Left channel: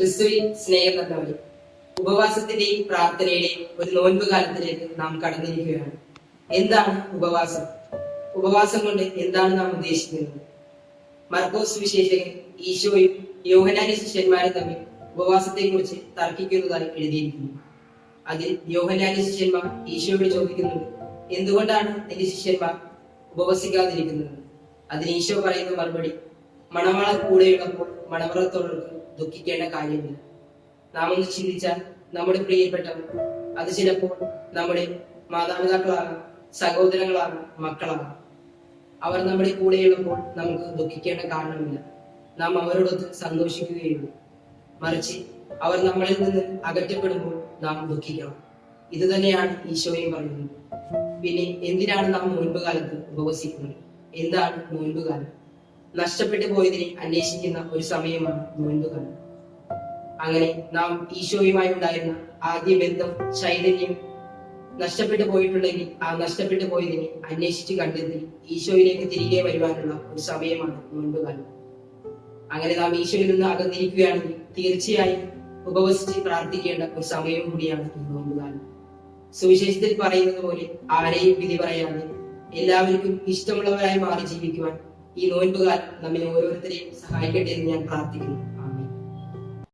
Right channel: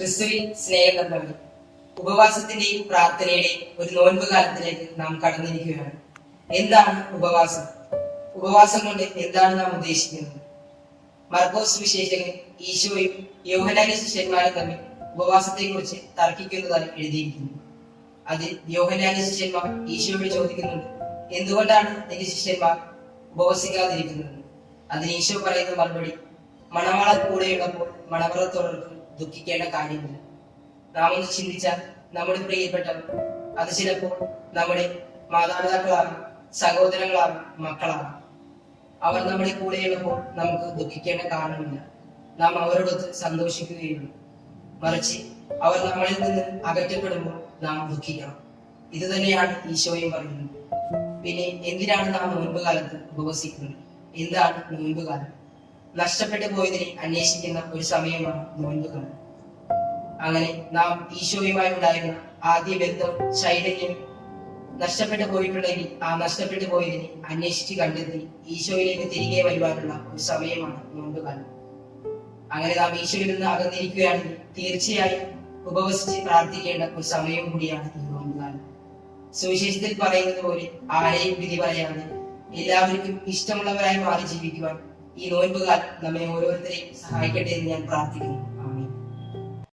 ക്രിസ്തുവിൽ സ്നേഹകർമ്മങ്ങൾ ഉപവാസത്തിന്റെയും പ്രാർത്ഥനയുടെയും ഒരു നോൻപ് കാലത്തിലേക്ക് നാം കടന്നിരിക്കുകയാണ്. എന്താണ് ഉപവാസം? ഉപവാസം കൊണ്ട് എന്താണ് നാം ഉദ്ദേശിക്കുന്നത്? മർക്കോസ് വിശേഷകൻ ഈശോയും യോഹന്നാന്റെ ശിഷ്യന്മാരും തമ്മിൽ ഉപവാസത്തെ കുറിച്ച് തർക്കിക്കുന്നതായി എഴുതിയിരിക്കുന്നു. അതിൽ യോഹന്നാന്റെ ശിഷ്യന്മാർ ഈശോയോട് ചോദിക്കുന്നുണ്ട്, എന്തുകൊണ്ടാണ് നിന്റെ ശിഷ്യന്മാർ ഉപവസിക്കാതിരിക്കുന്നത്? അതിന് ഈശോ പറയുന്ന മറുപടി, മണവാള കൂടെയുള്ളപ്പോൾ മണവറത്തോടൊപ്പം ദുഃഖിക്കേണ്ട കാര്യമില്ല. നാം ഒന്ന് ചിന്തിച്ചാൽ നമ്മുടെ പ്രിയപ്പെട്ടവർ, അത് ചിലപ്പോൾ നമ്മുടെ മാതാപിതാക്കളാകാം, സഹോദരങ്ങളാകാം, മക്കളാകാം. അവർ നമ്മുടെ കൂടെയുള്ളപ്പോൾ നമുക്ക് ദുഃഖിക്കേണ്ട കാരണമില്ല. നാം അവരോടൊത്ത് സന്തോഷിക്കുകയുള്ളൂ. മറിച്ച് അവർ നമ്മളിൽ നിന്ന് അകറ്റപ്പെടുമ്പോൾ നാം ദുഃഖിക്കണം. ഇത് തന്നെയാണ് ഈശോയും പറയുന്നത്. പിന്നെ എന്തിനാണ് നാം നോൻപ് കാലത്ത് ഉപവസിക്കുന്നത്? എന്താണ് നോൻപ് കാലം? നഷ്ടപ്പെട്ടു പോയതിനെ അന്വേഷിക്കുന്ന ഒരു സമയമാണ് നോൻപ് കാലം. അങ്ങനെ നാം ഈശോയുമായി ഉണ്ടായിരുന്ന ആദ്യ ബന്ധം, ചൈതന്യം നഷ്ടപ്പെട്ടു പോയിട്ടുണ്ടെങ്കിൽ ആ നഷ്ടപ്പെട്ടു പോയതിനെ അന്വേഷിച്ച് കണ്ടെത്തി ഈശോയിലേക്ക് തിരികെ വരുവാനുള്ള ഒരു സമയമാണ് നോൻപ് കാലം. അങ്ങനെ നാം ഈശോയിൽ നിന്ന് അകന്നിരിക്കുകയാണെങ്കിൽ തീർച്ചയായും ഉപവസിച്ച് പ്രാർത്ഥിക്കേണ്ട ഒരു സമയം കൂടിയാണ് ഈ നോൻപ് കാലം. സുവിശേഷത്തിൽ പറയുന്നത് പോലെ ആരെയും വിധി പറയാതെ എല്ലാവർക്കും ഇഷ്ടമുള്ളവരായി മാറി ജീവിക്കുവാൻ ഈ നോൻപ് കാലം നമ്മെ ഓരോരുത്തരെയും സഹായിക്കട്ടെ എന്ന് ഞാൻ പ്രാർത്ഥിക്കുന്നു.